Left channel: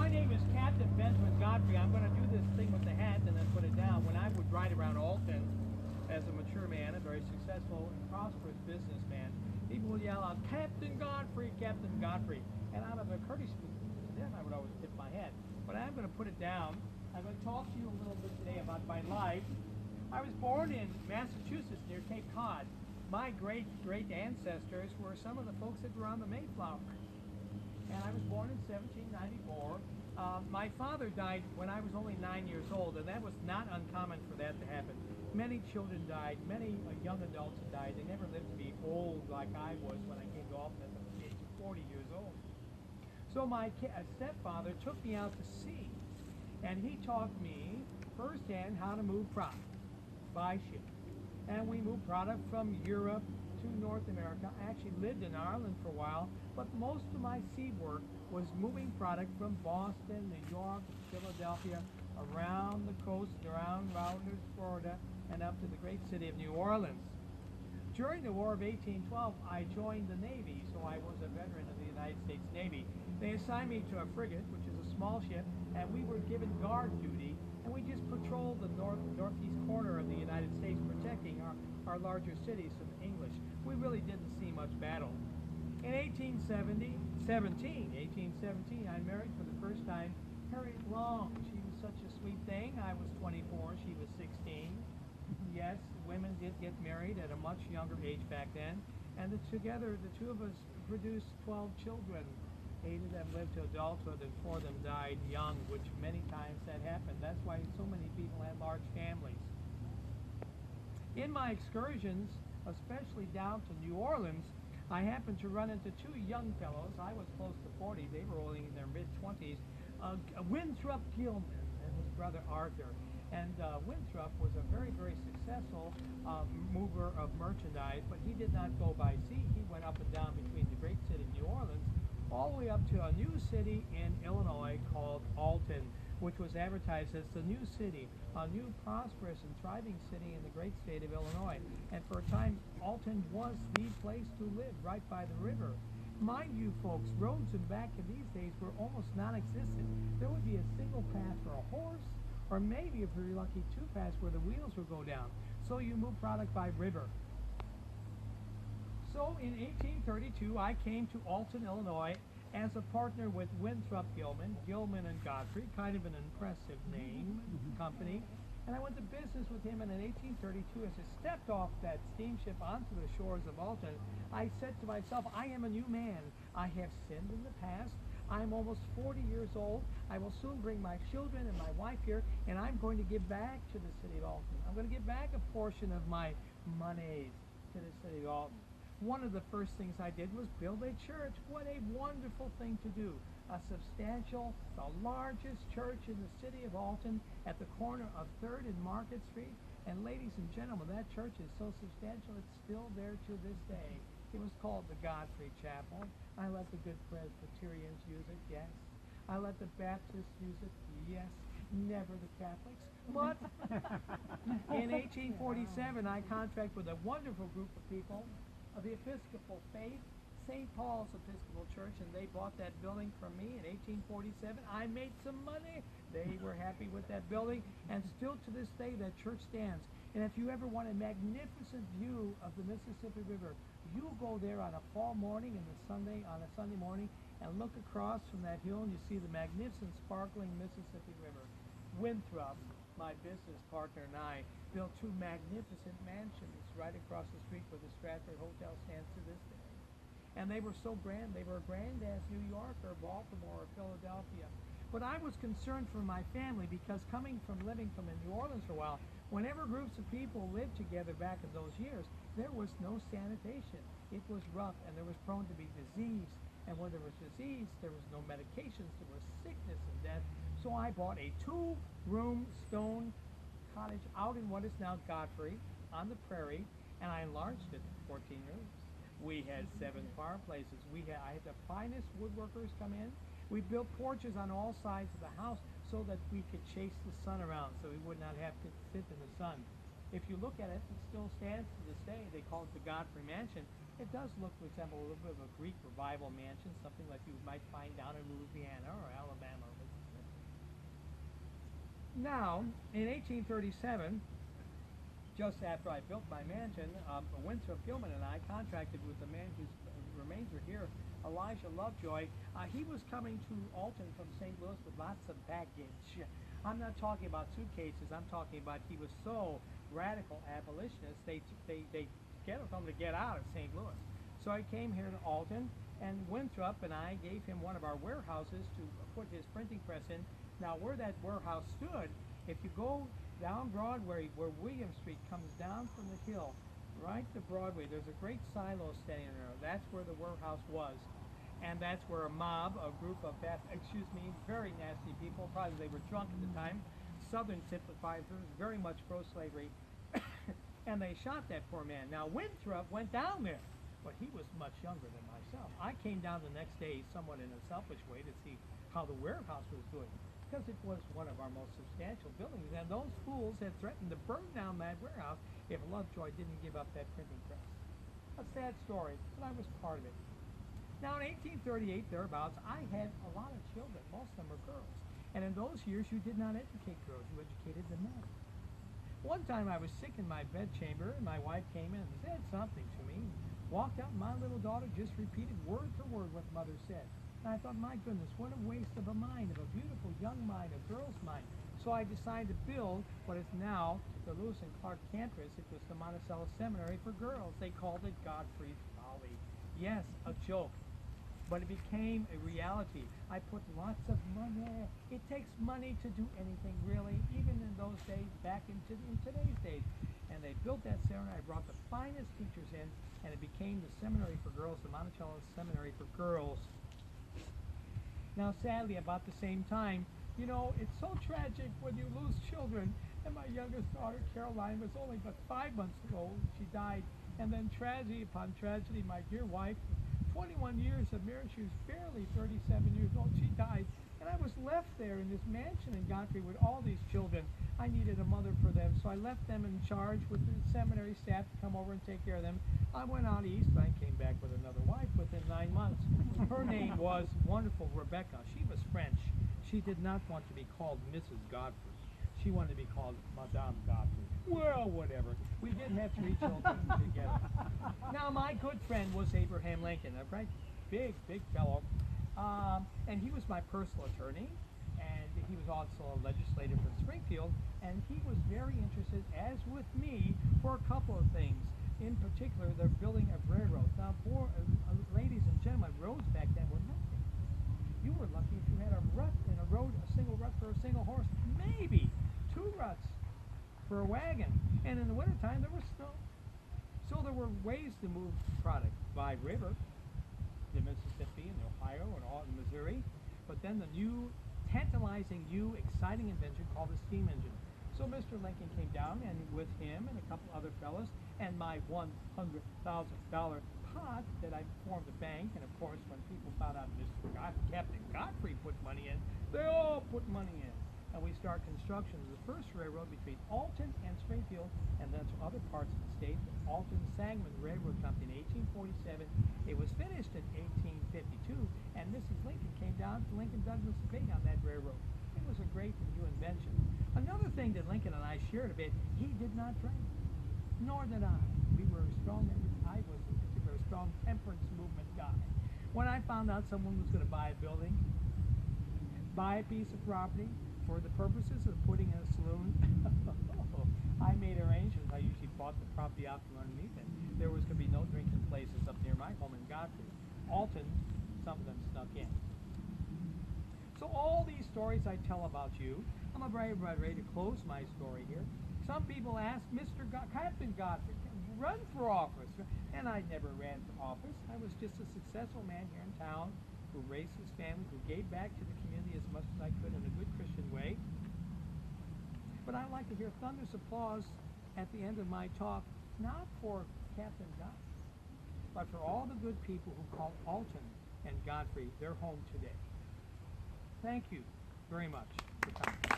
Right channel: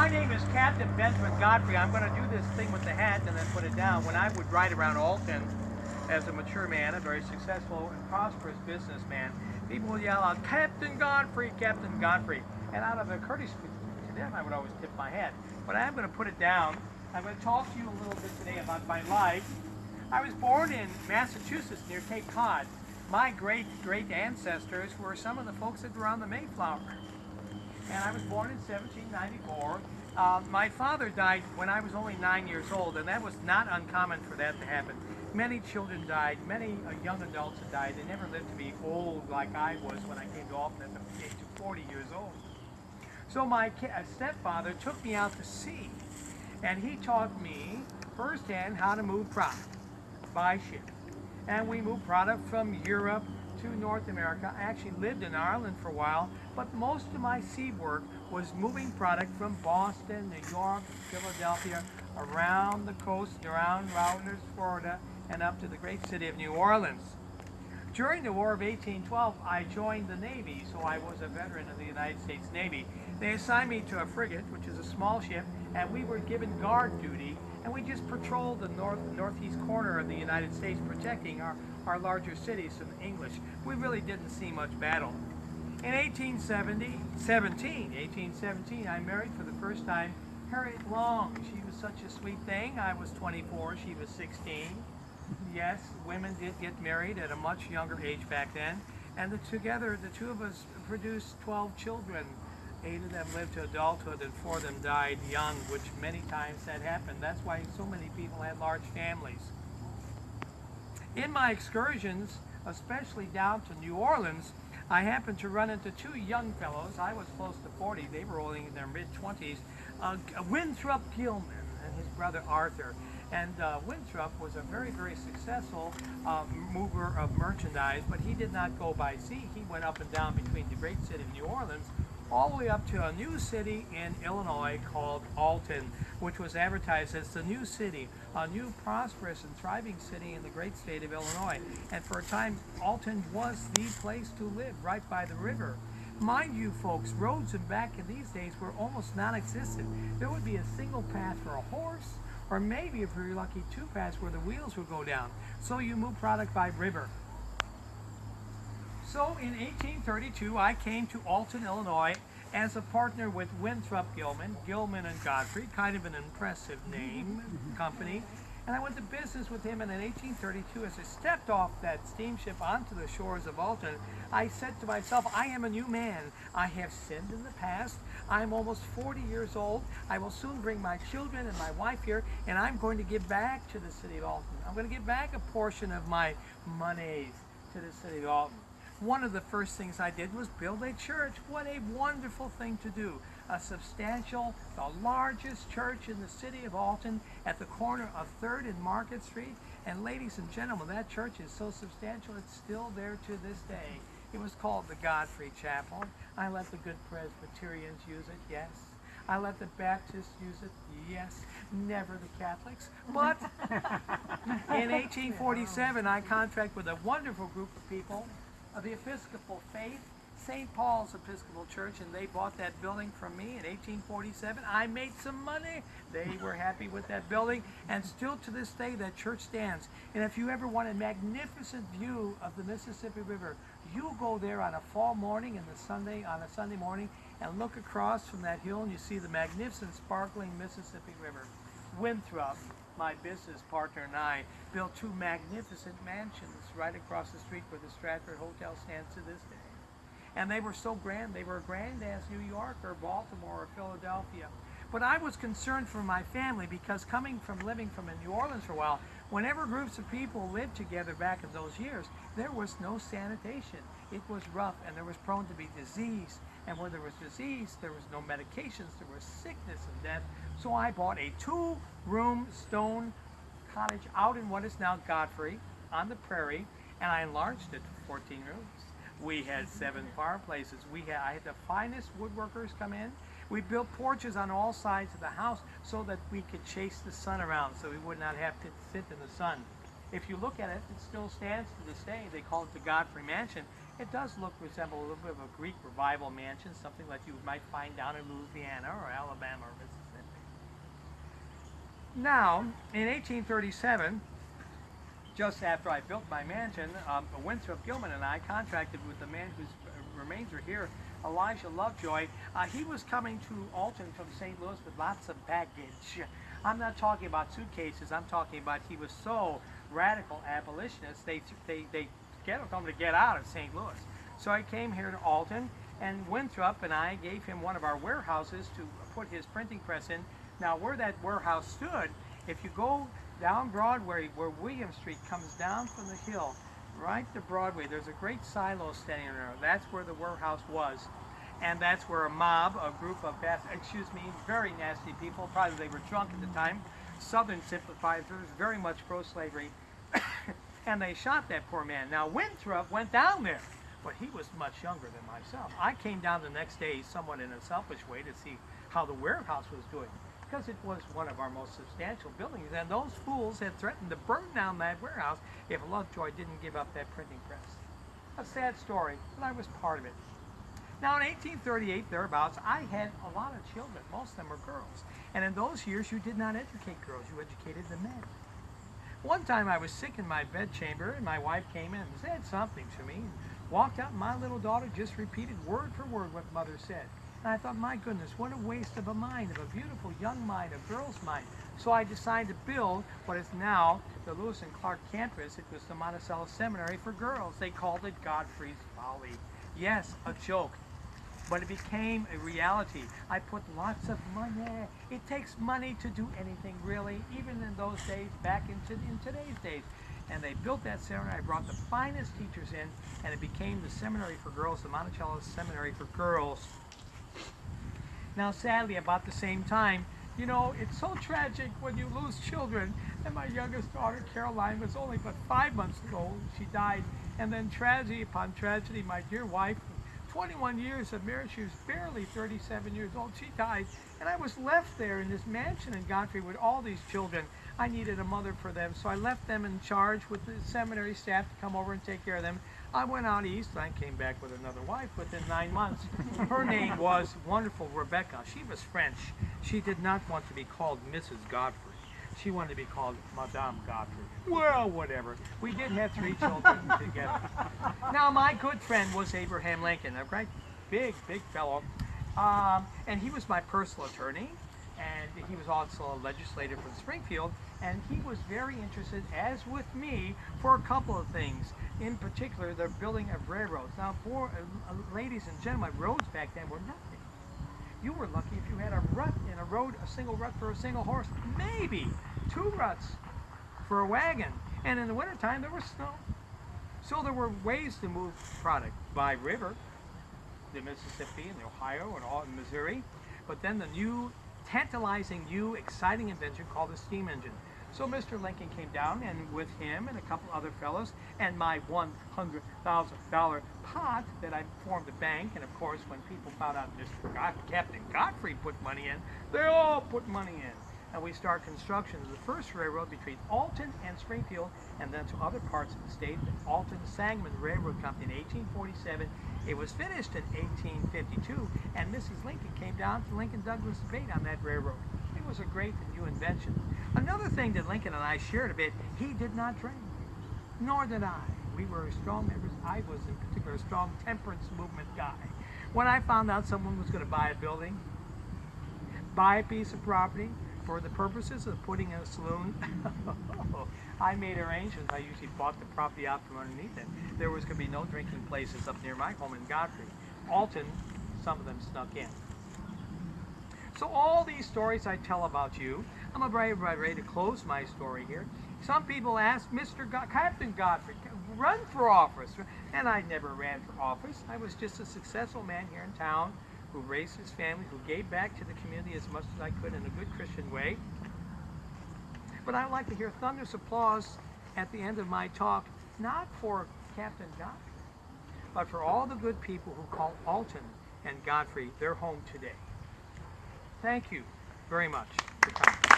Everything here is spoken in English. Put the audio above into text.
My name is Captain Benjamin Godfrey. I'm going to do this thing with the hat and then put it down. When I would ride around Alton as a mature man, a very successful and prosperous businessman, people would yell out, Captain Godfrey, Captain Godfrey. And out of a courtesy to them, I would always tip my hat. But I'm going to put it down. I'm going to talk to you a little bit today about my life. I was born in Massachusetts near Cape Cod. My great ancestors were some of the folks that were on the Mayflower. And I was born in 1794. My father died when I was only 9 years old, and that was not uncommon for that to happen. Many children died, many young adults had died. They never lived to be old like I was when I came to Alton at the age of 40 years old. So my stepfather took me out to sea, and he taught me firsthand how to move product by ship. And we moved product from Europe to North America. I actually lived in Ireland for a while, but most of my sea work was moving product from Boston, New York, Philadelphia, around the coast, around Rounders, Florida, and up to the great city of New Orleans. During the War of 1812, I joined the Navy, so I was a veteran of the United States Navy. They assigned me to a frigate, which is a small ship, and we were given guard duty, and we just patrolled the northeast corner of the United States, protecting our larger cities from the English. We really didn't see much battle. In 1817, I married for the first time Harriet Long. She was such a sweet thing. I was 24, she was 16. Yes, women did get married at a much younger age back then, and together the two of us produced 12 children. 8 of them lived to adulthood and 4 of them died young, which many times that happened. That's why so many people had large families. In my excursions, especially down to New Orleans, I happened to run into 2 young fellows. I was close to 40. They were only in their mid-20s. Winthrop Gilman and his brother Arthur. And Winthrop was a very successful mover of merchandise, but he did not go by sea. He went up and down between the great city of New Orleans, all the way up to a new city in Illinois called Alton, which was advertised as the new city, a new prosperous and thriving city in the great state of Illinois. And for a time, Alton was the place to live, right by the river. Mind you, folks, roads back in these days were almost non-existent. There would be a single path for a horse, or maybe, if you're lucky, 2 paths where the wheels would go down. So you move product by river. So in 1832, I came to Alton, Illinois as a partner with Winthrop Gilman and Godfrey, kind of an impressive name, company. And I went to business with him, and in 1832, as I stepped off that steamship onto the shores of Alton, I said to myself, I am a new man. I have sinned in the past. I'm almost 40 years old. I will soon bring my children and my wife here, and I'm going to give back to the city of Alton. I'm going to give back a portion of my monies to the city of Alton. One of the first things I did was build a church. What a wonderful thing to do. A substantial, the largest church in the city of Alton at the corner of 3rd and Market Street. And ladies and gentlemen, that church is so substantial, it's still there to this day. It was called the Godfrey Chapel. I let the good Presbyterians use it, yes. I let the Baptists use it, yes. Never the Catholics. But in 1847, I contracted with a wonderful group of people of the Episcopal faith, St. Paul's Episcopal Church, and they bought that building from me in 1847. I made some money. They were happy with that building, and still to this day that church stands. And if you ever want a magnificent view of the Mississippi River, you go there on a fall morning on a Sunday morning, and look across from that hill, and you see the magnificent, sparkling Mississippi River. Winthrop, my business partner, and I built 2 magnificent mansions right across the street where the Stratford Hotel stands to this day. And they were so grand. They were grand as New York or Baltimore or Philadelphia. But I was concerned for my family because living from New Orleans for a while, whenever groups of people lived together back in those years, there was no sanitation. It was rough, and there was prone to be disease. And where there was disease, there was no medications. There was sickness and death. So I bought a 2-room stone cottage out in what is now Godfrey on the prairie, and I enlarged it to 14 rooms. We had 7 fireplaces. I had the finest woodworkers come in. We built porches on all sides of the house so that we could chase the sun around, so we would not have to sit in the sun. If you look at it, it still stands to this day. They call it the Godfrey Mansion. It does resemble a little bit of a Greek revival mansion, something like you might find down in Louisiana or Alabama or Mississippi. Now, in 1837, just after I built my mansion, Winthrop Gilman and I contracted with the man whose remains are here, Elijah Lovejoy. He was coming to Alton from St. Louis with lots of baggage. I'm not talking about suitcases. I'm talking about he was so radical abolitionist, they told him to get out of St. Louis. So I came here to Alton, and Winthrop and I gave him one of our warehouses to put his printing press in. Now, where that warehouse stood, if you go down Broadway, where William Street comes down from the hill, right to Broadway, there's a great silo standing there. That's where the warehouse was. And that's where a mob, a group of, very nasty people, probably they were drunk at the time, Southern sympathizers, very much pro-slavery, and they shot that poor man. Now, Winthrop went down there, but he was much younger than myself. I came down the next day, somewhat in a selfish way, to see how the warehouse was doing, because it was one of our most substantial buildings, and those fools had threatened to burn down that warehouse if Lovejoy didn't give up that printing press. A sad story, but I was part of it. Now, in 1838, thereabouts, I had a lot of children. Most of them were girls. And in those years, you did not educate girls. You educated the men. One time, I was sick in my bedchamber, and my wife came in and said something to me. Walked out, and my little daughter just repeated word for word what mother said. And I thought, my goodness, what a waste of a mind, of a beautiful young mind, a girl's mind. So I decided to build what is now the Lewis and Clark campus. It was the Monticello Seminary for Girls. They called it Godfrey's Folly. Yes, a joke. But it became a reality. I put lots of money. It takes money to do anything, really, even in those days, back in today's days. And they built that seminary. I brought the finest teachers in, and it became the Seminary for Girls, the Monticello Seminary for Girls. Now, sadly, about the same time, you know, it's so tragic when you lose children. And my youngest daughter, Caroline, was only but 5 months old. She died. And then tragedy upon tragedy, my dear wife, 21 years of marriage, she was barely 37 years old, she died, and I was left there in this mansion in Godfrey with all these children. I needed a mother for them, so I left them in charge with the seminary staff to come over and take care of them. I went out east, I came back with another wife within 9 months. Her name was wonderful Rebecca. She was French. She did not want to be called Mrs. Godfrey. She wanted to be called Madame Godfrey. Well, whatever. We did have 3 children together. Now, my good friend was Abraham Lincoln, a great, big fellow. And he was my personal attorney, and he was also a legislator from Springfield, and he was very interested, as with me, for a couple of things. In particular, the building of railroads. Now, ladies and gentlemen, roads back then were nothing. You were lucky if you had a rut in a road, a single rut for a single horse, maybe 2 ruts for a wagon. And in the wintertime, there was snow. So there were ways to move product by river, the Mississippi and the Ohio and all in Missouri. But then the new, tantalizing, new, exciting invention called the steam engine. So Mr. Lincoln came down, and with him and a couple other fellows, and my $100,000 pot that I formed a bank, and of course when people found out Captain Godfrey put money in, they all put money in. And we start construction of the first railroad between Alton and Springfield, and then to other parts of the state, the Alton Sangamon Railroad Company in 1847. It was finished in 1852, and Mrs. Lincoln came down to Lincoln-Douglas debate on that railroad. It was a great and new invention. Another thing that Lincoln and I shared a bit, he did not drink, nor did I. We were strong members. I was in particular a strong temperance movement guy. When I found out someone was going to buy a building, buy a piece of property for the purposes of putting in a saloon, I made arrangements. I usually bought the property out from underneath it. There was going to be no drinking places up near my home in Godfrey. Alton, some of them snuck in. So all these stories I tell about you, I'm ready to close my story here. Some people ask, Captain Godfrey, run for office. And I never ran for office. I was just a successful man here in town who raised his family, who gave back to the community as much as I could in a good Christian way. But I'd like to hear thunderous applause at the end of my talk, not for Captain Godfrey, but for all the good people who call Alton and Godfrey their home today. Thank you very much for coming.